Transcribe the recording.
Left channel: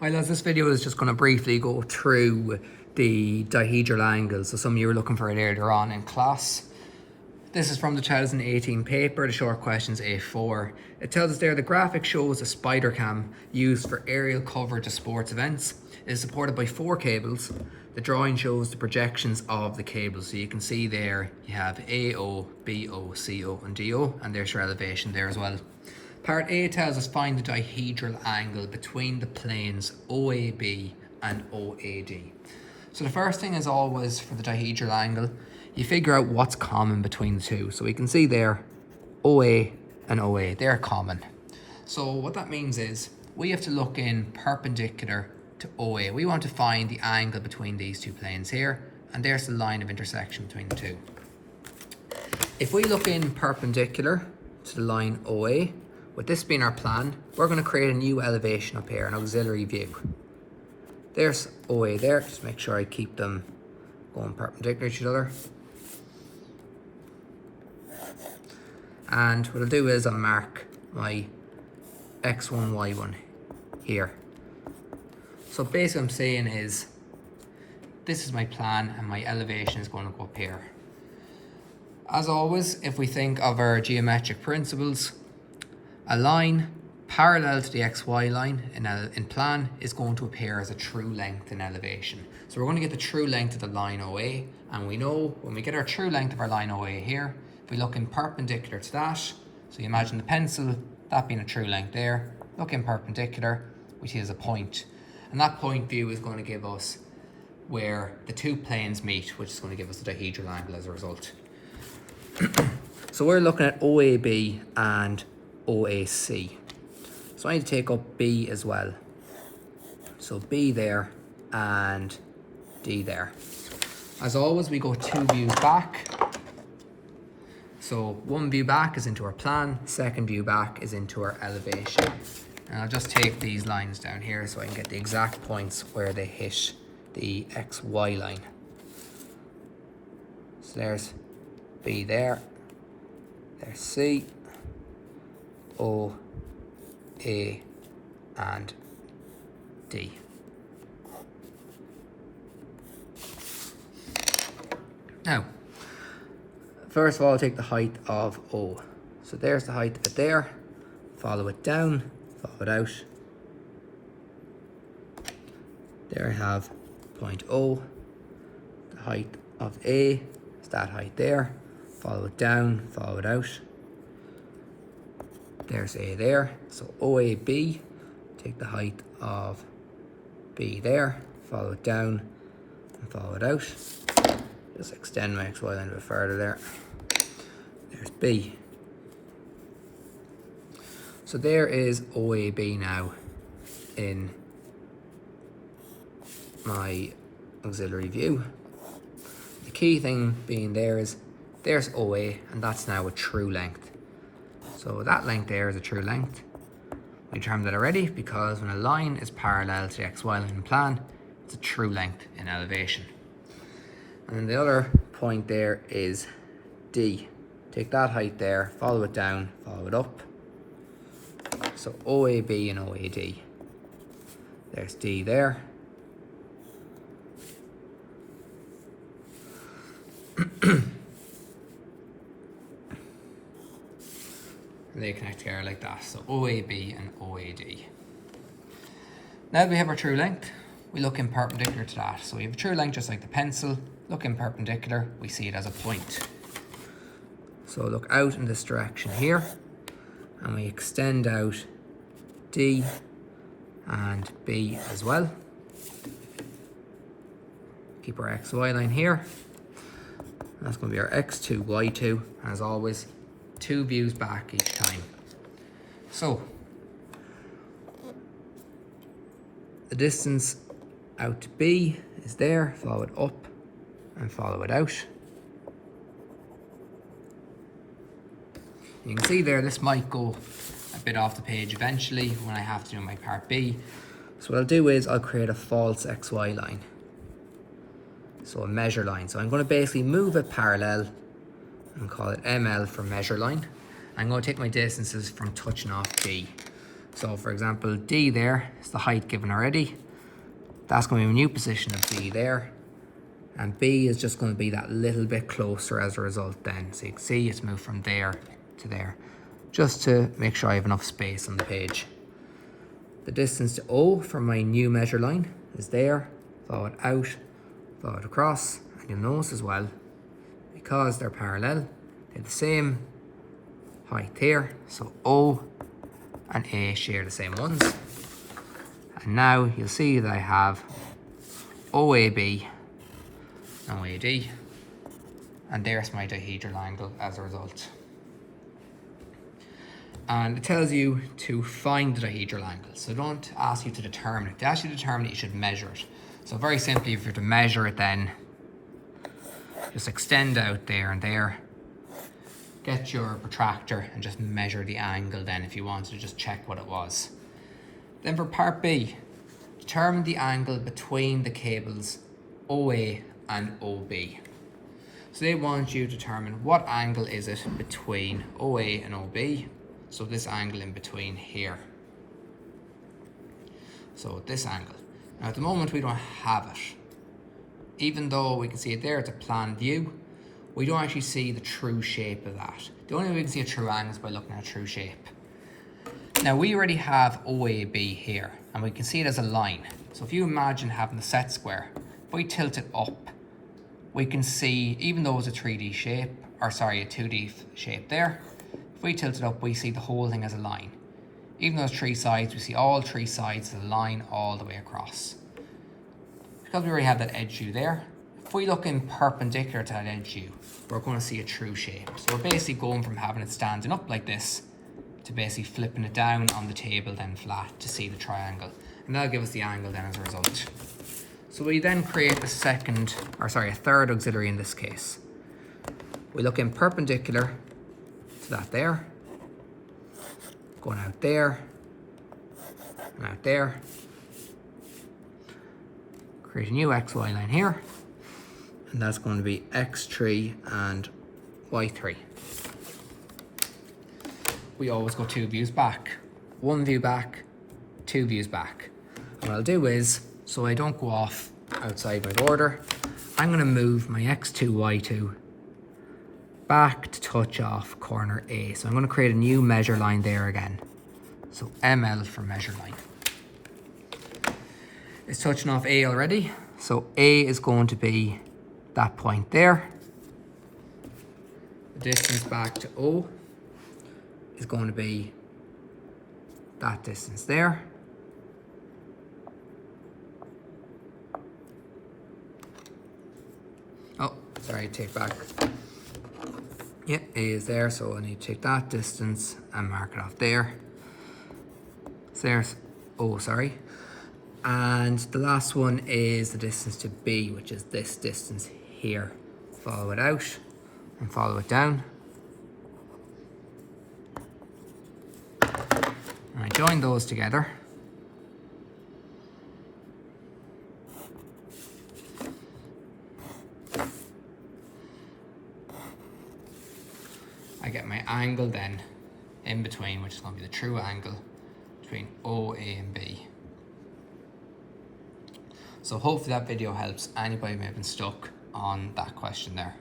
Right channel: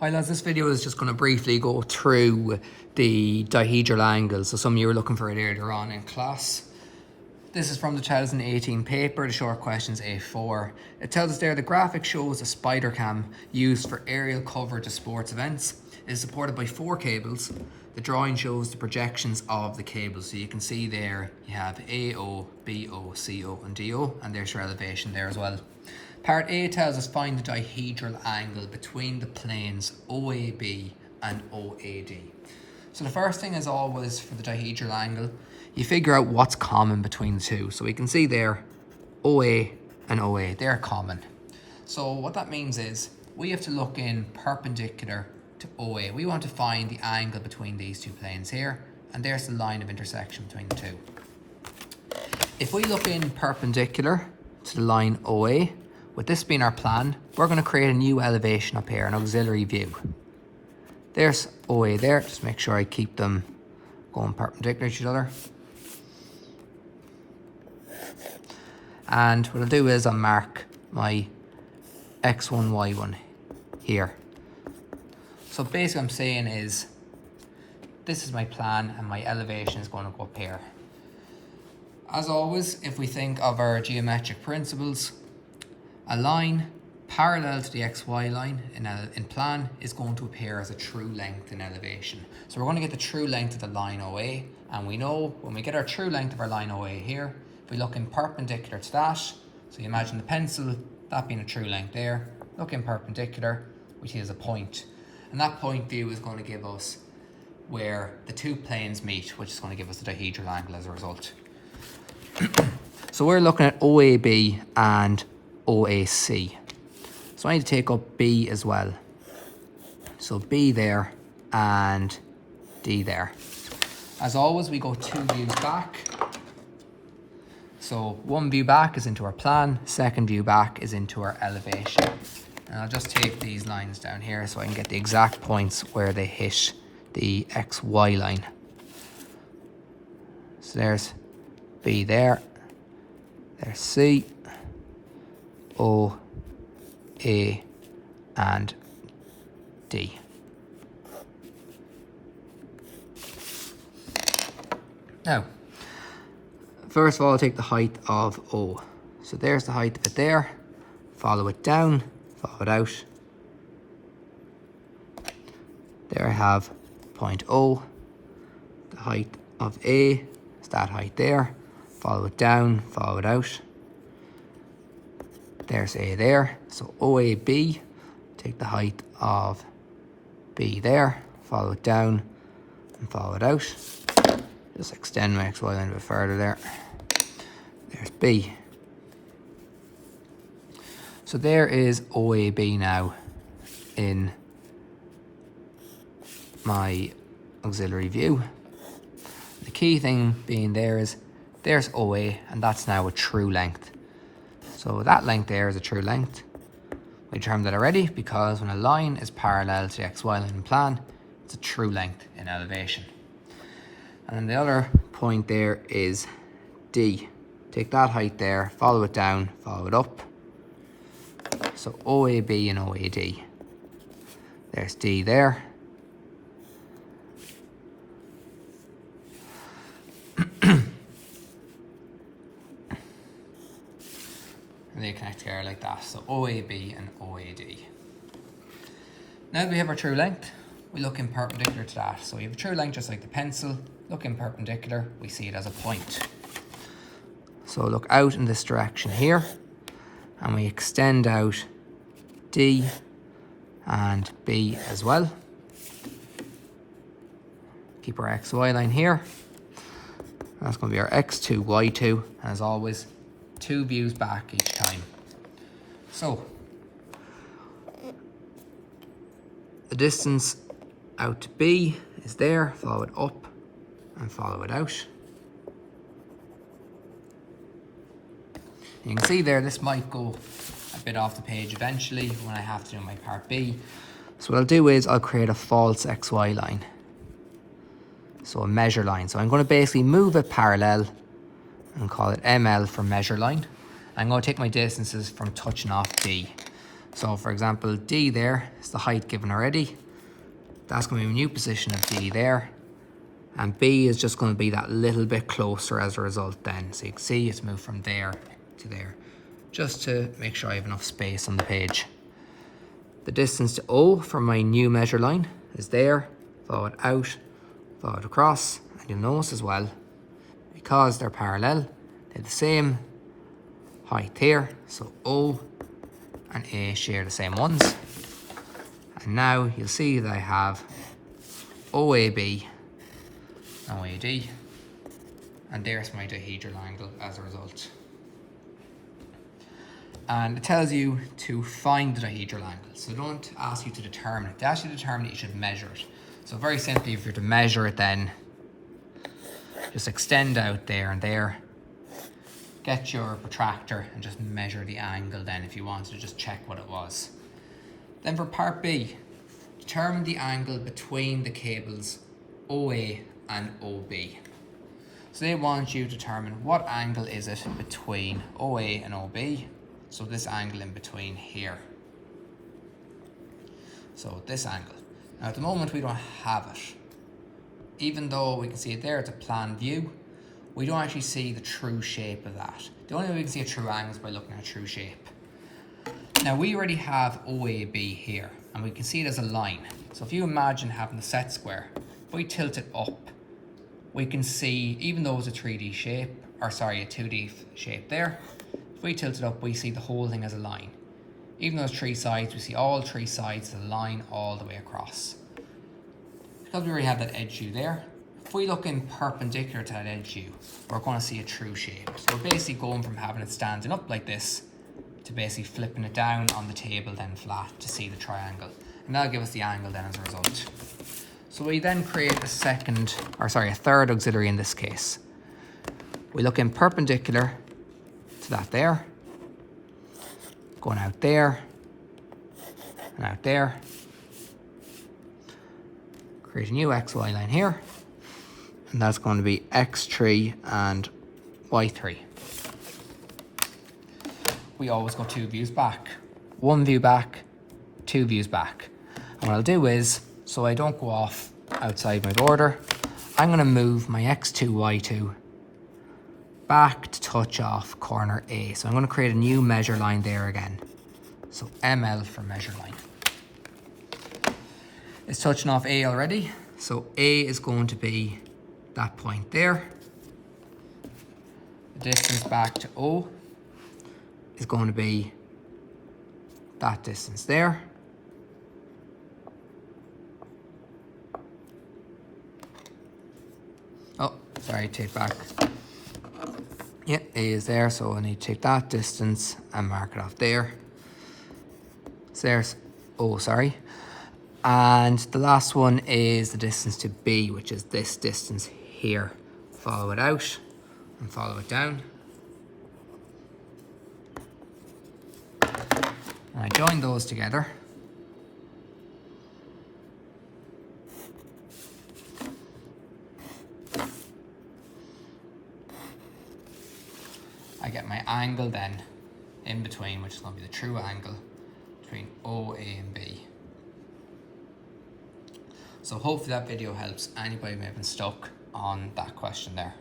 Hi lads, this video is just going to briefly go through the dihedral angle. So some of you were looking for it earlier on in class. This is from the 2018 paper, the short questions A4. It tells us there the graphic shows a spider cam used for aerial coverage of sports events. It is supported by 4 cables. The drawing shows the projections of the cables. So you can see there you have AO, BO, CO and DO, and there's your elevation there as well. Part A tells us find the dihedral angle between the planes OAB and OAD. So the first thing is always for the dihedral angle, you figure out what's common between the two. So we can see there OA and OA, they're common. So what that means is we have to look in perpendicular to OA. We want to find the angle between these two planes here, and there's the line of intersection between the two. If we look in perpendicular to the line OA, with this being our plan, we're going to create a new elevation up here, an auxiliary view. There's OA there, just make sure I keep them going perpendicular to each other. And what I'll do is I'll mark my X1, Y1 here. So basically what I'm saying is, this is my plan and my elevation is going to go up here. As always, if we think of our geometric principles, a line parallel to the XY line in plan is going to appear as a true length in elevation. So we're going to get the true length of the line OA, and we know when we get our true length of our line OA here, if we look in perpendicular to that, so you imagine the pencil, that being a true length there, look in perpendicular, which is a point. And that point view is going to give us where the two planes meet, which is going to give us the dihedral angle as a result. So we're looking at OAB and OAC. So I need to take up B as well. So B there and D there. As always, we go 2 views back. So 1 view back is into our plan, 2nd view back is into our elevation. And I'll just take these lines down here so I can get the exact points where they hit the XY line. So there's B there, there's C, O, A, and D. Now, first of all, I'll take the height of O. So there's the height of it there. Follow it down, follow it out. There I have point O. The height of A is that height there. Follow it down, follow it out. There's A there. So OAB, take the height of B there, follow it down and follow it out. Just extend my XY line a bit further there. There's B. So there is OAB now in my auxiliary view. The key thing being there is there's OA, and that's now a true length. So that length there is a true length. We determined that already because when a line is parallel to the XY line in plan, it's a true length in elevation. And then the other point there is D. Take that height there, follow it down, follow it up. So OAB and OAD. There's D there. They connect together like that. So OAB and OAD. Now that we have our true length, we look in perpendicular to that. So we have a true length just like the pencil. Look in perpendicular, we see it as a point. So look out in this direction here, and we extend out D and B as well. Keep our XY line here. That's going to be our X2, Y2, and as always, 2 views back each time. So, the distance out to B is there, follow it up and follow it out. You can see there, this might go a bit off the page eventually when I have to do my part B. So what I'll do is I'll create a false XY line. So a measure line. So I'm going to basically move it parallel and call it ML for measure line. I'm going to take my distances from touching off B. So for example, D there is the height given already. That's going to be a new position of D there. And B is just going to be that little bit closer as a result then. So you can see it's moved from there to there, just to make sure I have enough space on the page. The distance to O from my new measure line is there. Follow it out, follow it across. And you'll notice as well, because they're parallel, they're the same height here. So O and A share the same ones. And now you'll see that I have OAB and OAD, and there's my dihedral angle as a result. And it tells you to find the dihedral angle. So don't ask you to determine it. To actually determine it, you should measure it. So very simply, if you're to measure it, then just extend out there and there. Get your protractor and just measure the angle then if you wanted to just check what it was. Then for part B, determine the angle between the cables OA and OB. So they want you to determine what angle is it between OA and OB. So this angle in between here. So this angle. Now at the moment we don't have it. Even though we can see it there, it's a plan view, we don't actually see the true shape of that. The only way we can see a true angle is by looking at a true shape. Now we already have OAB here, and we can see it as a line. So if you imagine having the set square, if we tilt it up, we can see, even though it's a 3D shape, or sorry, a 2D shape there, if we tilt it up, we see the whole thing as a line. Even though it's three sides, we see all three sides as a line all the way across. Because we already have that edge view there, if we look in perpendicular to that edge view, we're going to see a true shape. So we're basically going from having it standing up like this to basically flipping it down on the table then flat to see the triangle. And that'll give us the angle then as a result. So we then create a third auxiliary in this case. We look in perpendicular to that there, going out there, and out there. Create a new XY line here, and that's going to be X3 and Y3. We always go 2 views back. 1 view back, 2 views back. And what I'll do is, so I don't go off outside my border, I'm going to move my X2, Y2 back to touch off corner A. So I'm going to create a new measure line there again. So ML for measure line. It's touching off A already. So A is going to be that point there. The distance back to O is going to be that distance there. Oh, sorry, take back. Yeah, A is there, so I need to take that distance and mark it off there. So there's O, sorry. And the last one is the distance to B, which is this distance here. Follow it out and follow it down. And I join those together. I get my angle then in between, which is going to be the true angle between O, A and B. So hopefully that video helps anybody who may have been stuck on that question there.